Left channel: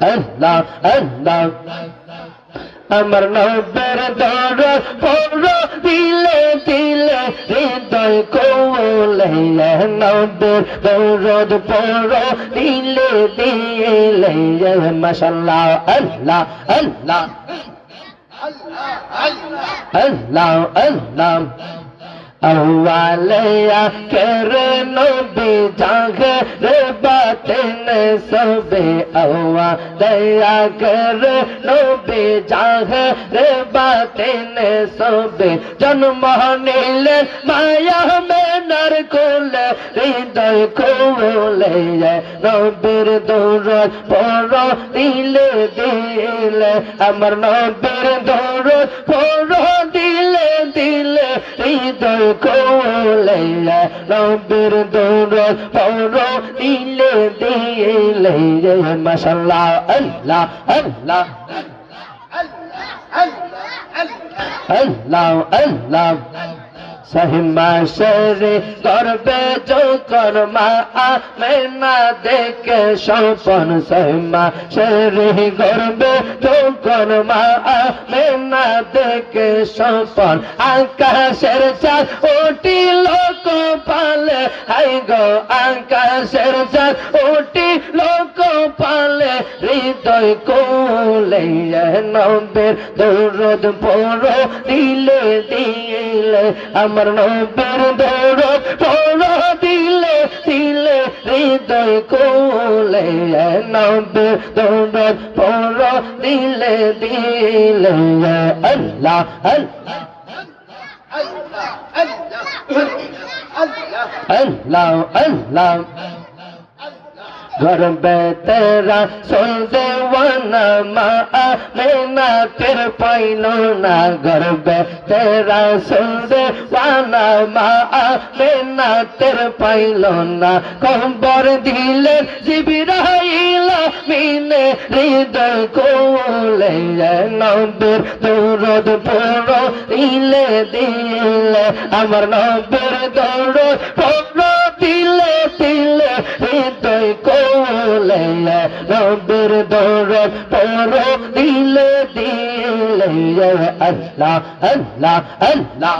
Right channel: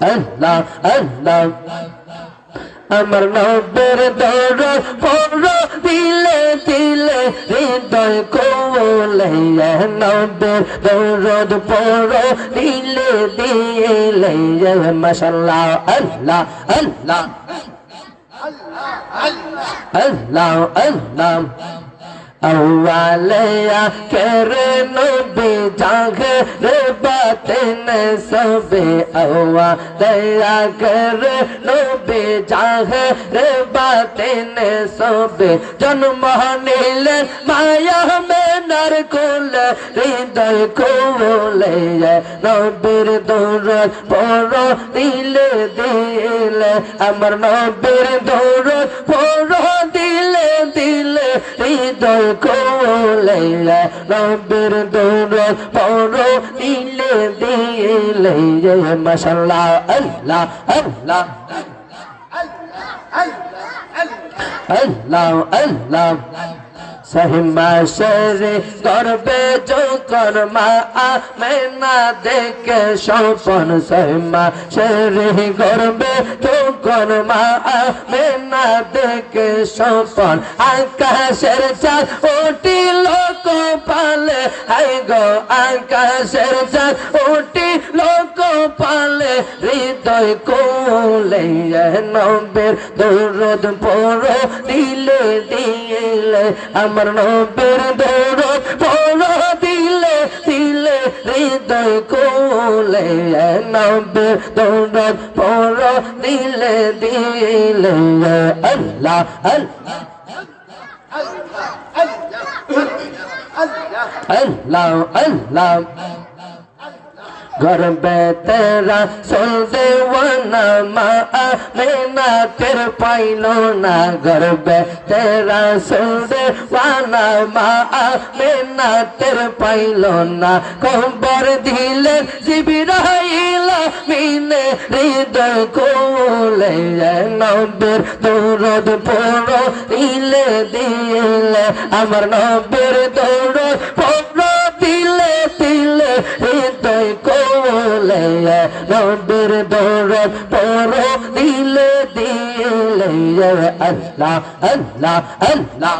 আল্লাহ আল্লাহ আমার নবের দরদ পড় দিলে দিলে হৃদয় কোলে নবের দরদ পড় দিলে দিলে মাশাআল্লাহ আল্লাহ আল্লাহ আল্লাহ আল্লাহ अव्वालिया करे नबी जागर बातिन सबे अव्वालिया करे नबी जागर बातिन सबे जन्म नीले माया में नरकुल हृदय कोले नबीर दौरत पड़ दिले दिले अमर नबीर दौरत पड़ दिले दिले हृदय কোলে নবীর দৌলত পড় দিলে দিলে মাশাআল্লাহ আল্লাহ আল্লাহ আল্লাহ আল্লাহ সহিমা শেরে করবে जो কর্মা আমেনা দেখে স্বপন সহিমা শেরে করবে जो কর্মা আমেনা দেখে স্বপন আকাশের চাঁদ উঠিল কপালে হাই গো আকাশের চাঁদ উঠিল কপালে হৃদয় কোলে নবের দৌরদ পড় দিলে দিলে আমার নবের দৌরদ পড় দিলে দিলে হৃদয় কোলে নবের দৌরদ পড় দিলে দিলে আল্লাহ আল্লাহ আল্লাহ আল্লাহ घर में तेरा सुन देवाना माँ मैना तेरे पाइनो ना घर में तेरा सुन देवाना माँ मैना तेरे पाइनो ना कंबर दिले जिबिराइला मीने हृदय कोले नबीर दौरद पड़ दिले दिले अमर नबीर दौरद पड़ दिले दिले हृदय কোলে নবীর দৌরত পড় দিলে দিলে আল্লাহ আল্লাহ আল্লাহ